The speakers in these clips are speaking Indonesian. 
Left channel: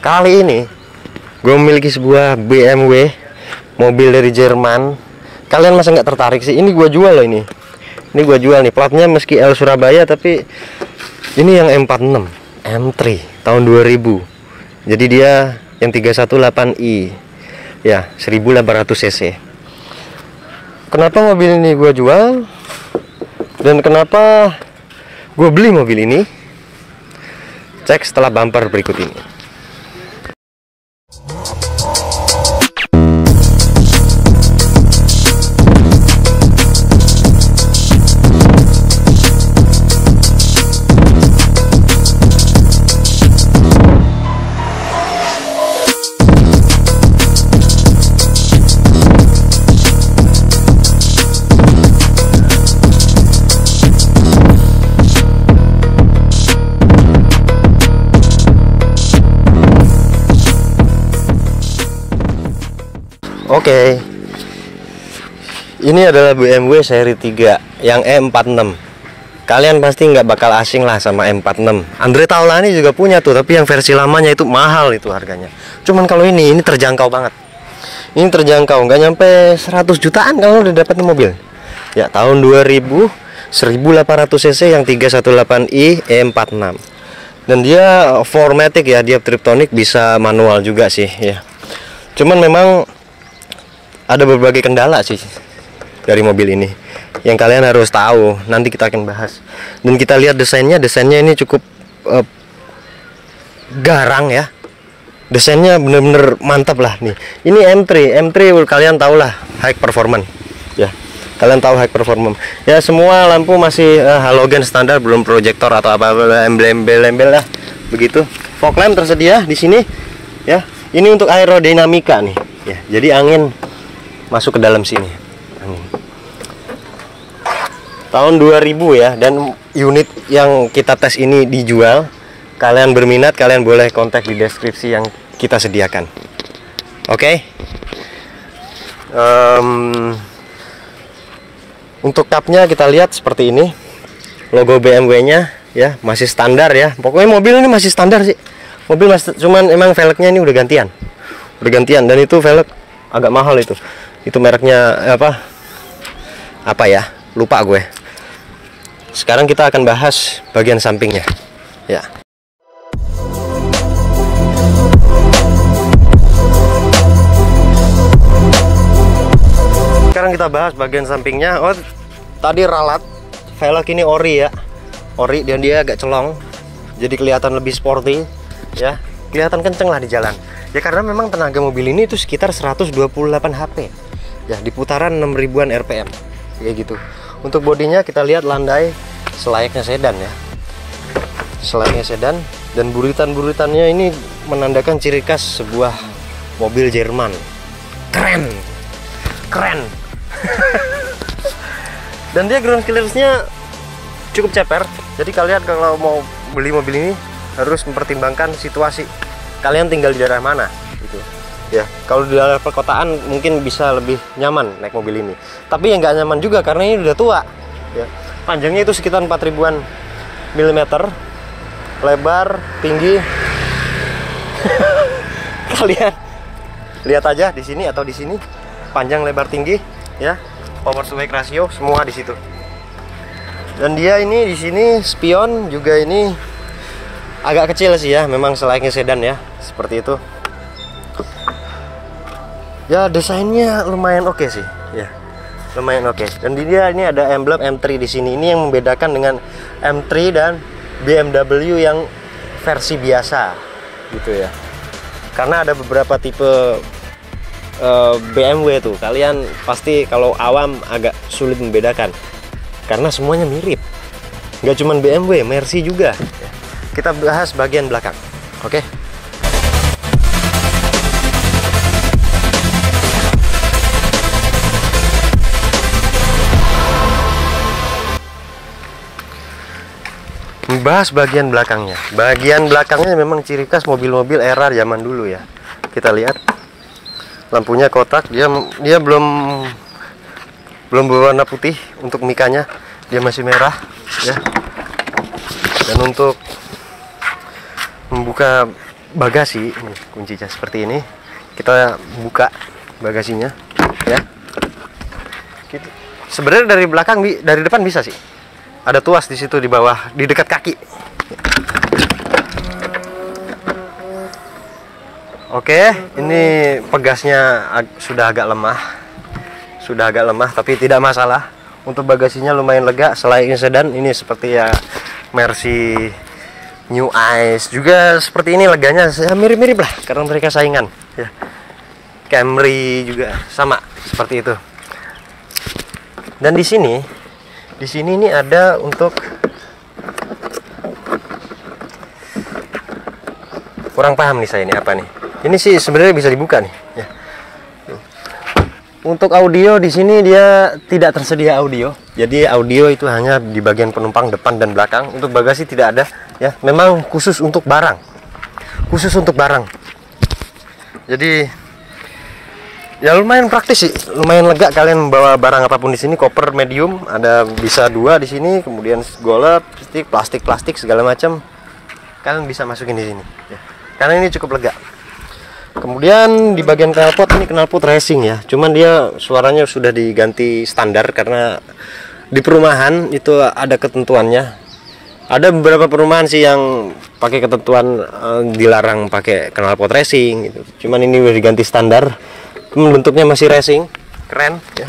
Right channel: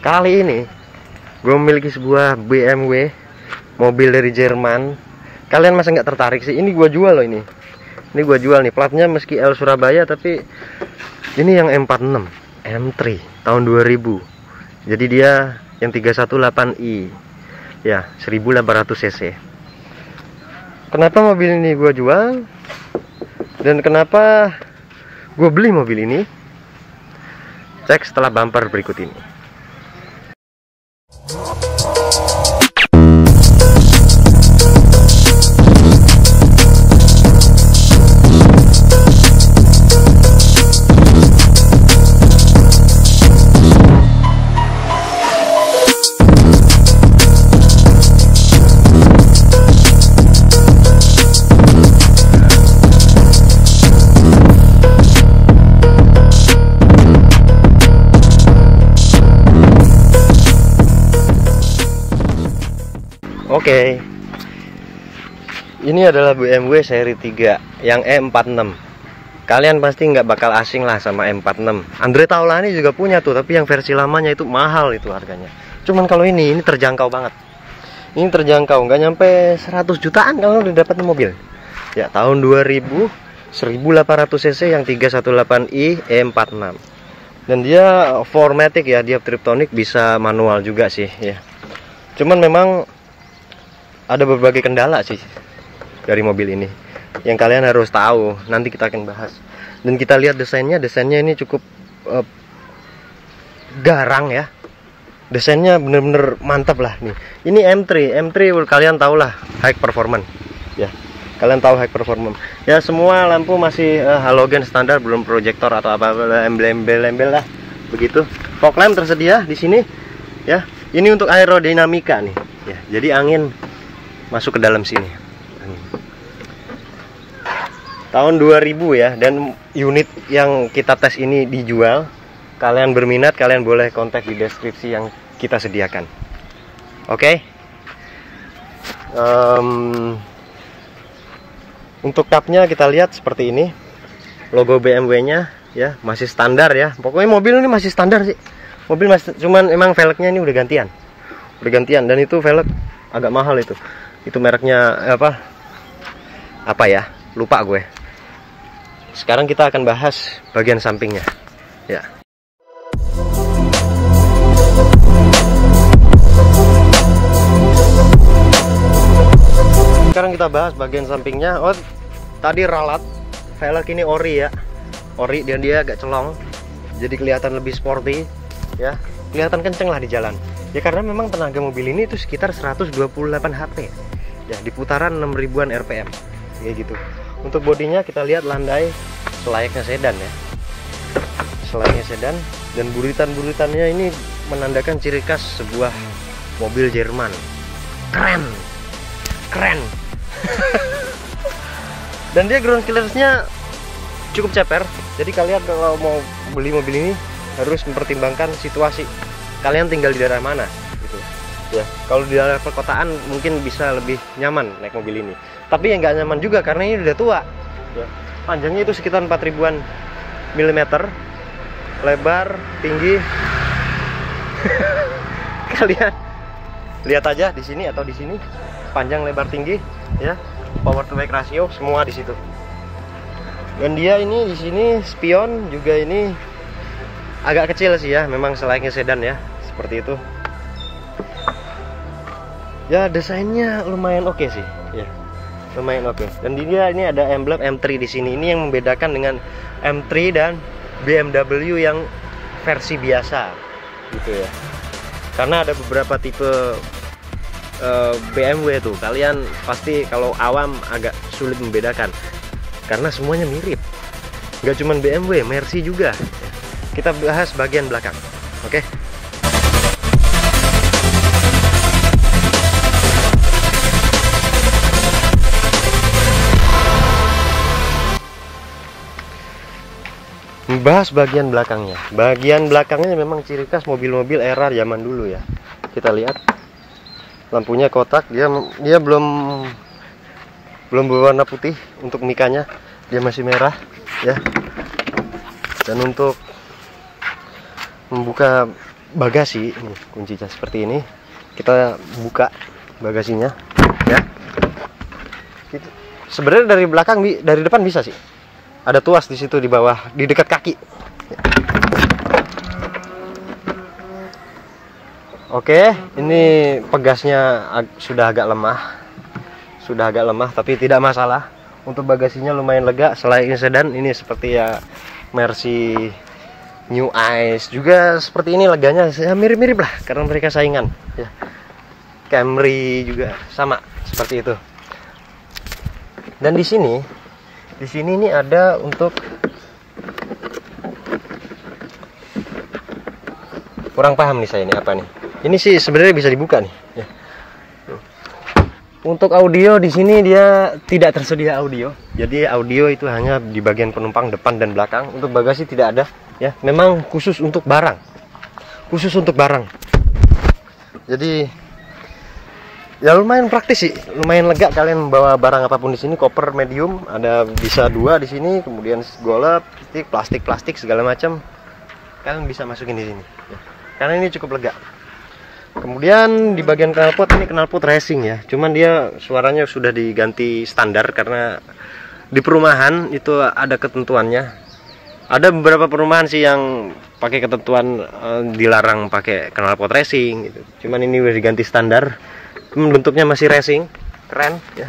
Kali ini gue memiliki sebuah BMW mobil dari Jerman. Kalian masa nggak tertarik sih? Ini gue jual loh ini. Ini gue jual nih. Platnya meski L Surabaya, tapi ini yang M46 M3 tahun 2000. Jadi dia yang 318i. Ya, 1800 cc. Kenapa mobil ini gue jual? Dan kenapa gue beli mobil ini? Cek setelah bumper berikut ini. Oke. Ini adalah BMW seri 3 yang E46. Kalian pasti nggak bakal asing lah sama M46. Andre Taulani juga punya tuh, tapi yang versi lamanya itu mahal itu harganya. Cuman kalau ini terjangkau banget. Ini terjangkau, nggak nyampe 100 jutaan kalau udah dapat mobil. Ya, tahun 2000, 1800 cc yang 318i E46. Dan dia 4matic ya, dia triptonic, bisa manual juga sih ya. Cuman memang ada berbagai kendala sih dari mobil ini yang kalian harus tahu. Nanti kita akan bahas. Dan kita lihat desainnya ini cukup garang ya. Desainnya bener-bener mantap lah nih. Ini M3 kalian tahu lah, high performance ya. Kalian tahu high performance ya. Semua lampu masih halogen standar, belum proyektor atau apa-apa, embel-embel lah begitu. Fog lamp tersedia di sini ya. Ini untuk aerodinamika nih ya. Jadi angin masuk ke dalam sini. Tahun 2000 ya, dan unit yang kita tes ini dijual. Kalian berminat, kalian boleh kontak di deskripsi yang kita sediakan. Oke. Untuk tapnya kita lihat seperti ini. Logo BMW-nya ya, masih standar ya. Pokoknya mobil ini masih standar sih. Mobil masih, cuman emang velgnya ini udah gantian. Dan itu velg agak mahal itu. Itu mereknya apa ya, lupa gue. Sekarang kita akan bahas bagian sampingnya ya. Sekarang kita bahas bagian sampingnya. Oh, tadi ralat, velg ini ori ya, ori, dan dia agak celong, jadi kelihatan lebih sporty ya, kelihatan kenceng lah di jalan ya, karena memang tenaga mobil ini itu sekitar 128 HP ya, di putaran 6000-an RPM kayak gitu. Untuk bodinya kita lihat landai selayaknya sedan ya, selayaknya sedan, dan buritan-buritannya ini menandakan ciri khas sebuah mobil Jerman. Keren dan dia ground clearance-nya cukup ceper. Jadi kalian kalau mau beli mobil ini harus mempertimbangkan situasi kalian tinggal di daerah mana gitu ya. Kalau di daerah perkotaan mungkin bisa lebih nyaman naik mobil ini, tapi yang nggak nyaman juga karena ini udah tua ya. Panjangnya itu sekitar 4000-an milimeter, lebar, tinggi kalian lihat aja di sini atau di sini, panjang, lebar, tinggi ya, power to weight ratio semua di situ. Dan dia ini di sini spion juga ini agak kecil sih ya, memang selayaknya sedan ya, seperti itu. Ya, desainnya lumayan oke sih ya, lumayan oke. Dan dia ini ada emblem M3 di sini. Ini yang membedakan dengan M3 dan BMW yang versi biasa gitu ya. Karena ada beberapa tipe BMW tuh, kalian pasti kalau awam agak sulit membedakan karena semuanya mirip. Nggak cuma BMW, Mercy juga ya. Kita bahas bagian belakang. Oke. Membahas bagian belakangnya. Bagian belakangnya memang ciri khas mobil-mobil era zaman dulu ya. Kita lihat lampunya kotak, dia belum berwarna putih. Untuk mikanya dia masih merah ya. Dan untuk membuka bagasi. Ini kuncinya seperti ini. Kita buka bagasinya ya. Sebenarnya dari belakang, dari depan bisa sih. Ada tuas di situ di bawah, di dekat kaki. Oke, ini pegasnya sudah agak lemah, tapi tidak masalah. Untuk bagasinya lumayan lega. Selain sedan, ini seperti ya Mercy New Ice juga seperti ini leganya, ya, mirip-mirip lah karena mereka saingan. Ya. Camry juga sama seperti itu. Dan di sini ini ada untuk kurang paham nih saya ini apa nih. Ini sih sebenarnya bisa dibuka nih. Ya. Untuk audio di sini dia tidak tersedia audio. Jadi audio itu hanya di bagian penumpang depan dan belakang. Untuk bagasi tidak ada. Ya, memang khusus untuk barang. Jadi ya lumayan praktis sih, lumayan lega kalian membawa barang apapun di sini. Koper medium, ada bisa 2 di sini, kemudian golep, plastik segala macam. Kalian bisa masukin di sini. Ya. Karena ini cukup lega. Kemudian di bagian knalpot, ini knalpot racing ya. Cuman dia suaranya sudah diganti standar karena di perumahan itu ada ketentuannya. Ada beberapa perumahan sih yang pakai ketentuan dilarang pakai knalpot racing gitu. Cuman ini udah diganti standar. Bentuknya masih racing, keren ya.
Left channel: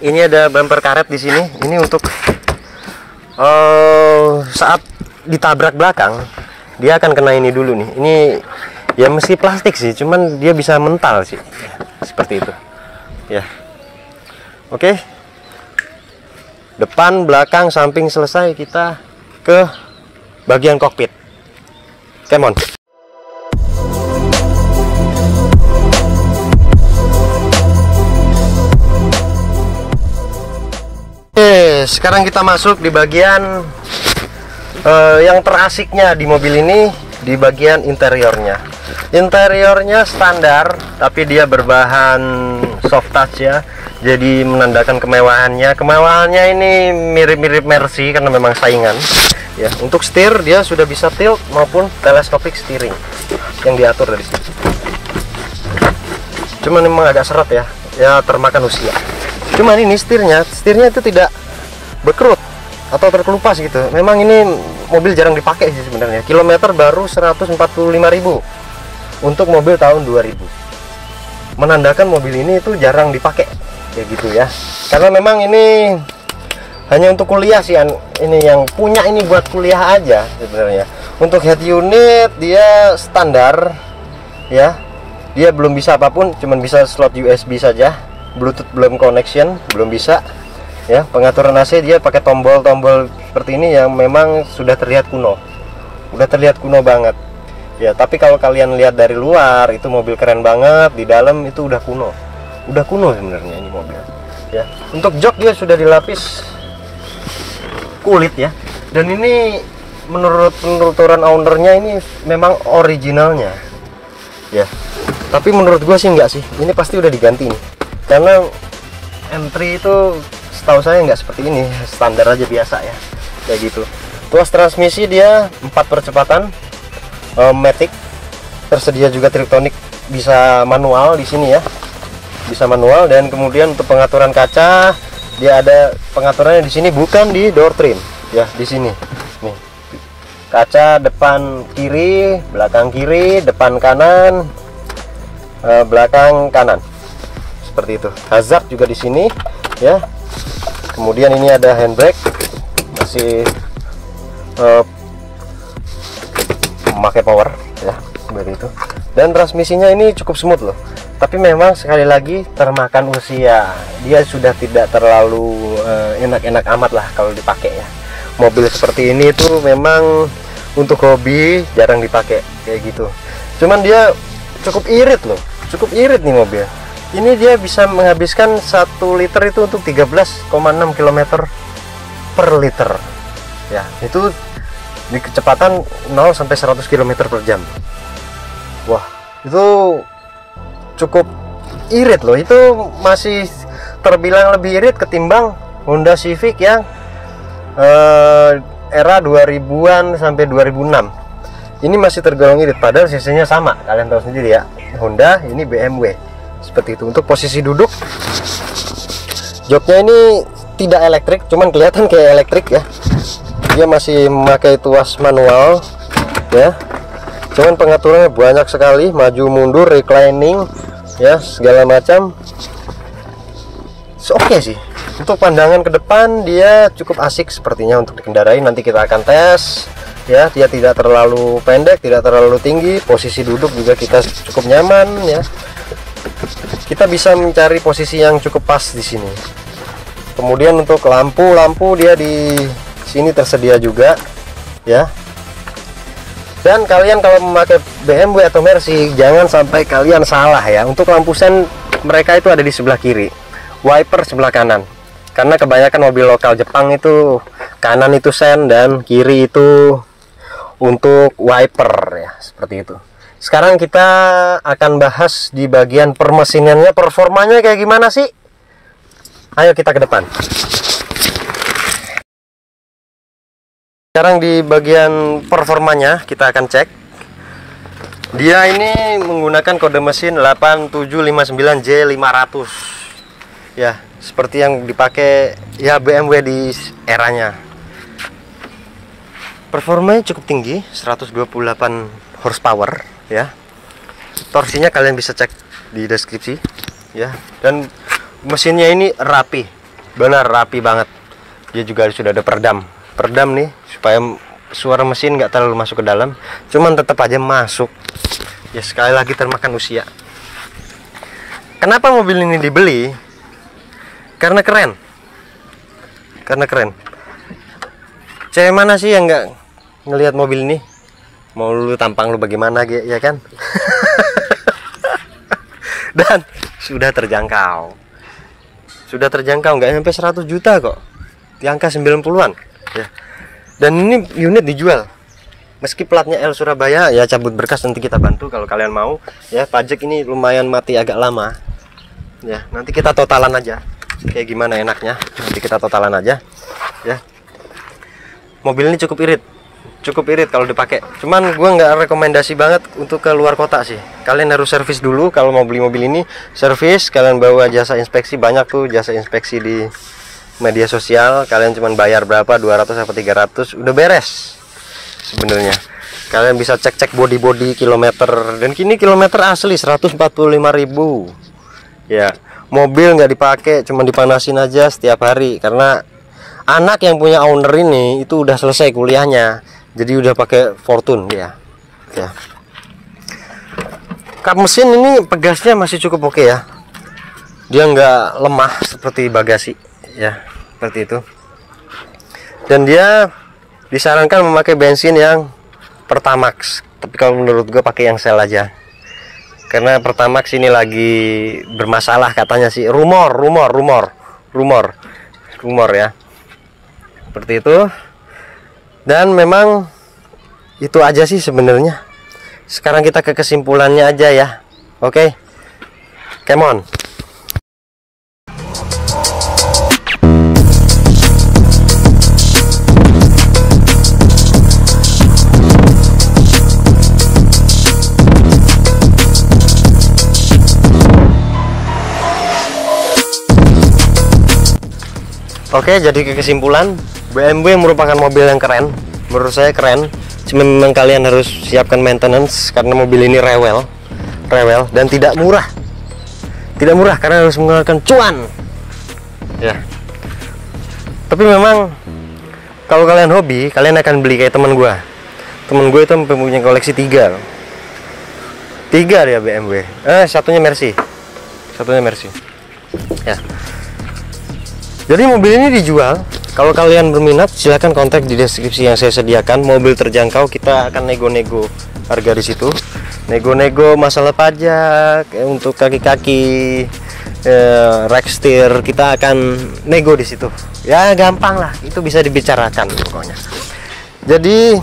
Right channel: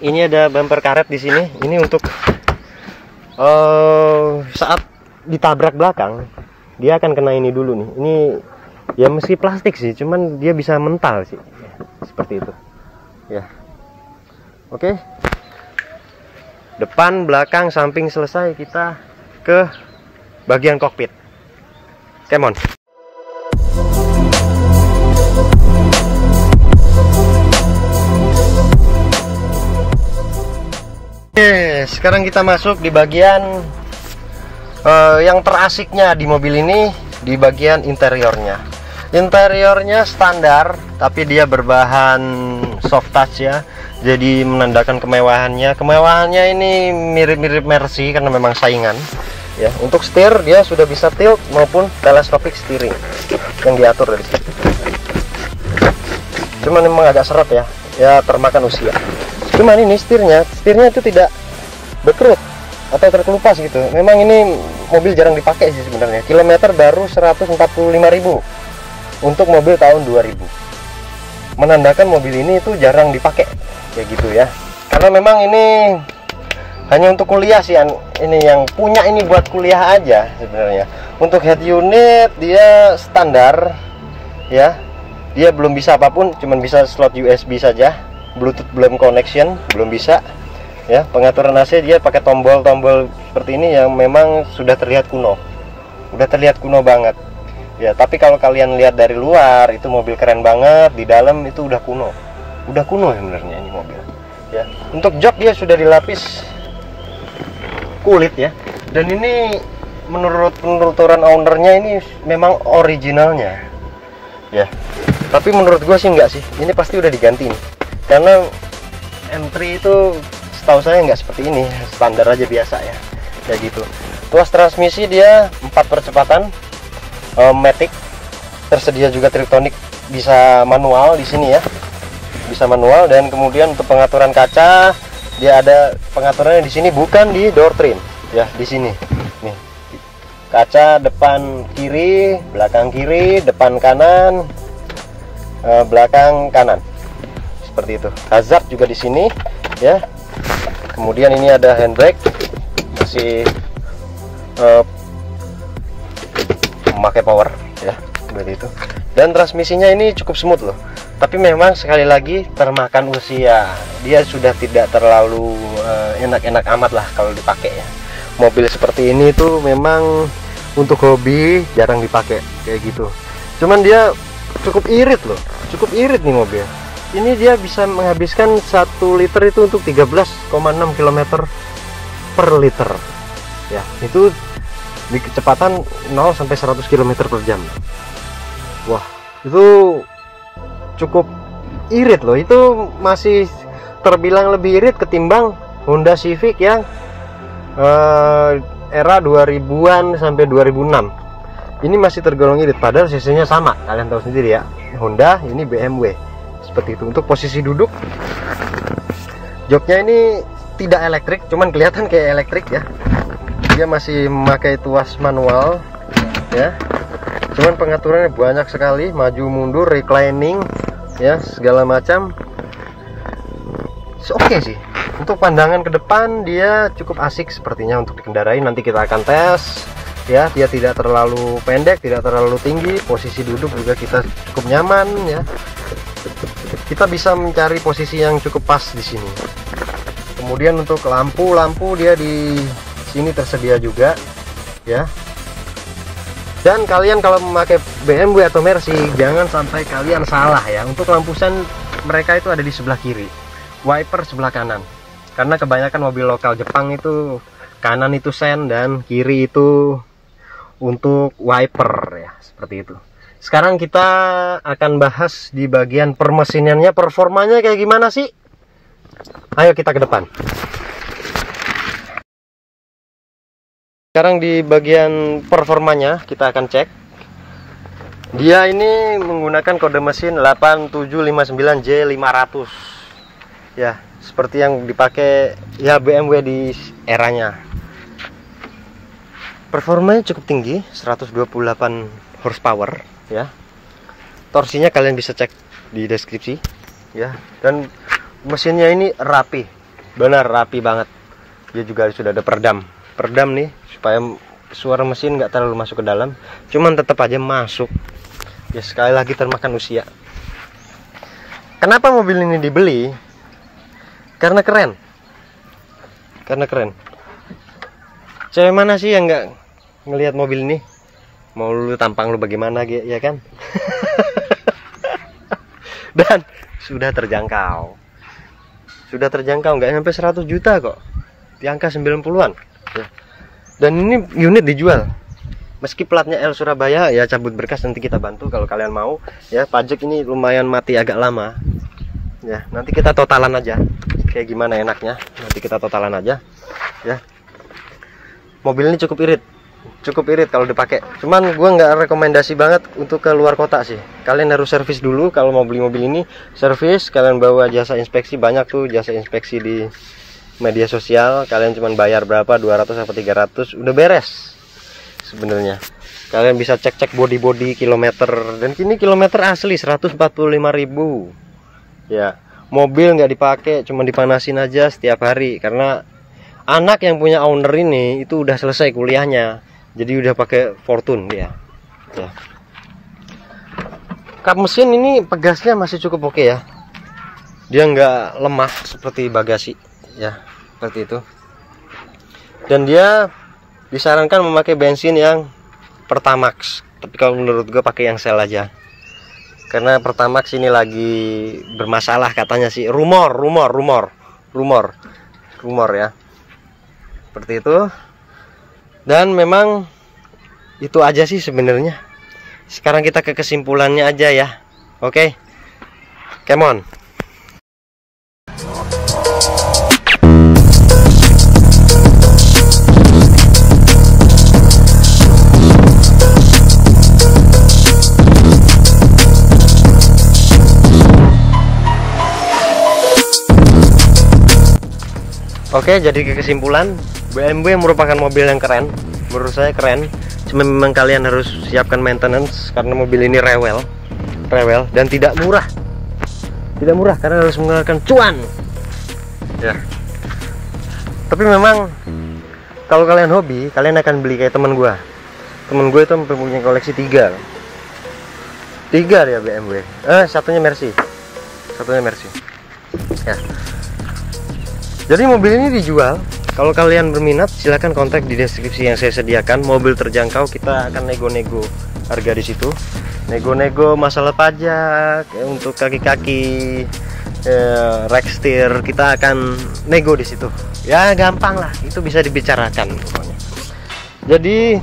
Ini ada bumper karet di sini. Ini untuk saat ditabrak belakang, dia akan kena ini dulu nih. Ini ya meski plastik sih, cuman dia bisa mental sih, ya, seperti itu ya. Oke, depan, belakang, samping selesai, kita ke bagian kokpit. Come on. Oke, sekarang kita masuk di bagian yang terasiknya di mobil ini, di bagian interiornya. Interiornya standar, tapi dia berbahan soft touch ya. Jadi menandakan kemewahannya. Kemewahannya ini mirip-mirip Mercy karena memang saingan. Ya, untuk setir dia sudah bisa tilt maupun telescopic steering yang diatur dari sini. Cuman memang agak seret ya, termakan usia. Cuman ini setirnya itu tidak berkerut atau terkelupas gitu. Memang ini mobil jarang dipakai sih sebenarnya. Kilometer baru 145.000 untuk mobil tahun 2000. Menandakan mobil ini itu jarang dipakai kayak gitu ya. Karena memang ini hanya untuk kuliah sih, ini yang punya ini buat kuliah aja sebenarnya. Untuk head unit dia standar ya. Dia belum bisa apapun, cuman bisa slot USB saja. Bluetooth belum connection, belum bisa. Ya, pengaturan AC dia pakai tombol-tombol seperti ini yang memang sudah terlihat kuno. Udah terlihat kuno banget. Ya, tapi kalau kalian lihat dari luar itu mobil keren banget, di dalam itu udah kuno. Udah kuno sebenarnya ini mobil. Ya, untuk jok dia sudah dilapis kulit ya. Dan ini menurut penuturan ownernya ini memang originalnya. Ya. Tapi menurut gua sih enggak sih. Ini pasti udah diganti nih. Karena M3 itu setahu saya nggak seperti ini, standar aja biasa ya, kayak gitu. Tuas transmisi dia 4 percepatan, matic, tersedia juga Triptonic, bisa manual di sini ya, bisa manual. Dan kemudian untuk pengaturan kaca dia ada pengaturannya di sini, bukan di door trim ya, di sini nih. Kaca depan kiri, belakang kiri, depan kanan, belakang kanan. Seperti itu. Hazard juga di sini ya. Kemudian ini ada handbrake, masih memakai power ya, seperti itu. Dan transmisinya ini cukup smooth loh. Tapi memang sekali lagi termakan usia. Dia sudah tidak terlalu enak-enak amat lah kalau dipakai ya. Mobil seperti ini tuh memang untuk hobi jarang dipakai kayak gitu. Cuman dia cukup irit loh. Cukup irit nih mobil. Ini dia bisa menghabiskan 1 liter itu untuk 13,6 km per liter ya. Itu di kecepatan 0 sampai 100 km per jam. Wah, itu cukup irit loh. Itu masih terbilang lebih irit ketimbang Honda Civic yang era 2000-an sampai 2006. Ini masih tergolong irit, padahal cc-nya sama. Kalian tahu sendiri ya, Honda, ini BMW. Seperti itu. Untuk posisi duduk, joknya ini tidak elektrik, cuman kelihatan kayak elektrik ya. Dia masih memakai tuas manual ya. Cuman pengaturannya banyak sekali, maju mundur, reclining ya, segala macam. Oke sih. Untuk pandangan ke depan dia cukup asik sepertinya untuk dikendarai. Nanti kita akan tes ya. Dia tidak terlalu pendek, tidak terlalu tinggi. Posisi duduk juga kita cukup nyaman ya. Kita bisa mencari posisi yang cukup pas di sini. Kemudian untuk lampu dia di sini tersedia juga ya. Dan kalian kalau memakai BMW atau Mercy, jangan sampai kalian salah ya. Untuk lampu sen mereka itu ada di sebelah kiri, wiper sebelah kanan. Karena kebanyakan mobil lokal Jepang itu kanan itu sen dan kiri itu untuk wiper ya, seperti itu. Sekarang kita akan bahas di bagian permesinannya, performanya kayak gimana sih? Ayo kita ke depan. Sekarang di bagian performanya kita akan cek. Dia ini menggunakan kode mesin 8759J500 ya, seperti yang dipakai ya BMW di eranya. Performanya cukup tinggi, 128 horsepower ya. Torsinya kalian bisa cek di deskripsi ya. Dan mesinnya ini rapi, benar rapi banget. Dia juga sudah ada peredam nih, supaya suara mesin nggak terlalu masuk ke dalam. Cuman tetap aja masuk ya, sekali lagi termakan usia. Kenapa mobil ini dibeli? Karena keren. Cewek mana sih yang nggak ngelihat mobil ini? Mau lu tampang lu bagaimana ya kan? Dan sudah terjangkau, nggak sampai 100 juta kok, di angka 90-an ya. Dan ini unit dijual meski platnya L Surabaya ya. Cabut berkas nanti kita bantu kalau kalian mau ya. Pajak ini lumayan mati agak lama ya. Nanti kita totalan aja kayak gimana enaknya, nanti kita totalan aja ya. Mobil ini cukup irit kalau dipakai. Cuman gua nggak rekomendasi banget untuk ke luar kota sih. Kalian harus servis dulu kalau mau beli mobil ini. Servis, kalian bawa jasa inspeksi, banyak tuh jasa inspeksi di media sosial. Kalian cuman bayar berapa, 200 atau 300 udah beres sebenarnya. Kalian bisa cek body kilometer, dan kini kilometer asli 145.000 ya. Mobil nggak dipakai, cuman dipanasin aja setiap hari karena anak yang punya owner ini itu udah selesai kuliahnya. Jadi udah pakai Fortune dia ya. Kap mesin ini pegasnya masih cukup oke ya. Dia nggak lemah seperti bagasi ya, seperti itu. Dan dia disarankan memakai bensin yang Pertamax. Tapi kalau menurut gue pakai yang Shell aja. Karena Pertamax ini lagi bermasalah katanya sih. Rumor ya. Seperti itu. Dan memang itu aja sih sebenarnya. Sekarang kita ke kesimpulannya aja ya. Oke. Come on. Oke, jadi ke kesimpulan, BMW merupakan mobil yang keren. Menurut saya keren. Cuma memang kalian harus siapkan maintenance karena mobil ini rewel dan tidak murah. Tidak murah karena harus mengeluarkan cuan. Ya. Tapi memang kalau kalian hobi, kalian akan beli kayak teman gue. Teman gue itu mempunyai koleksi 3 dia BMW. Satunya Mercy. Ya. Jadi mobil ini dijual. Kalau kalian berminat silahkan kontak di deskripsi yang saya sediakan. Mobil terjangkau, kita akan nego-nego harga di situ. Nego-nego masalah pajak untuk kaki-kaki, rack steer, kita akan nego di situ. Ya gampang lah, itu bisa dibicarakan pokoknya. Jadi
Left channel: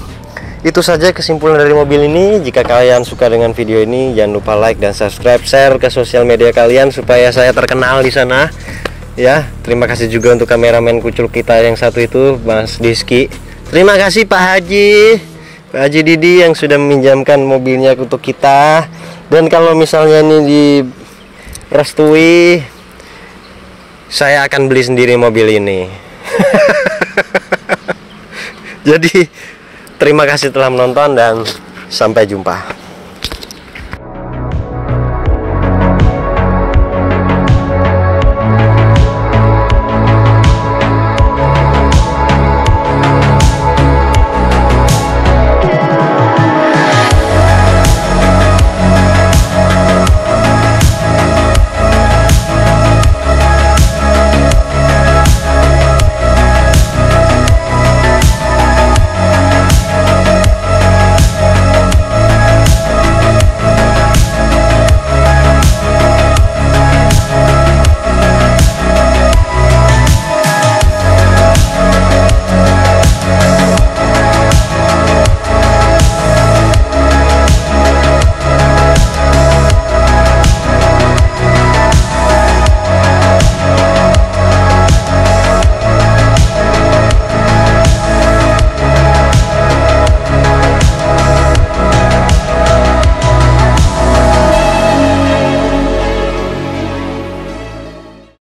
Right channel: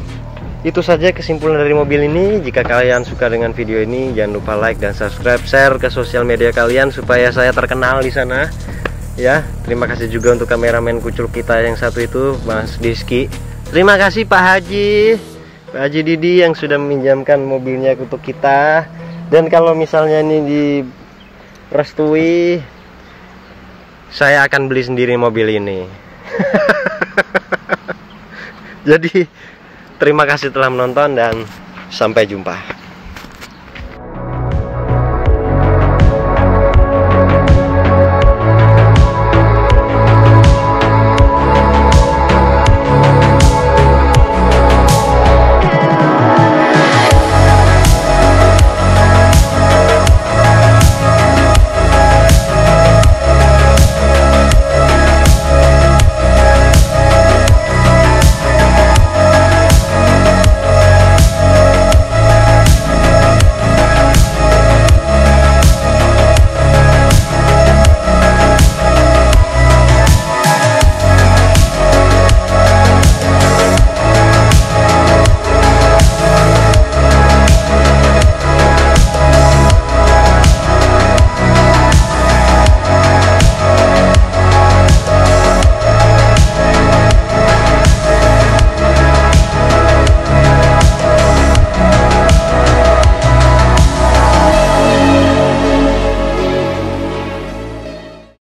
itu saja kesimpulan dari mobil ini. Jika kalian suka dengan video ini, jangan lupa like dan subscribe, share ke sosial media kalian supaya saya terkenal di sana. Ya, terima kasih juga untuk kameramen kucul kita yang satu itu, Mas Diski. Terima kasih Pak Haji. Pak Haji Didi yang sudah meminjamkan mobilnya untuk kita. Dan kalau misalnya ini direstui, saya akan beli sendiri mobil ini. Jadi terima kasih telah menonton dan sampai jumpa.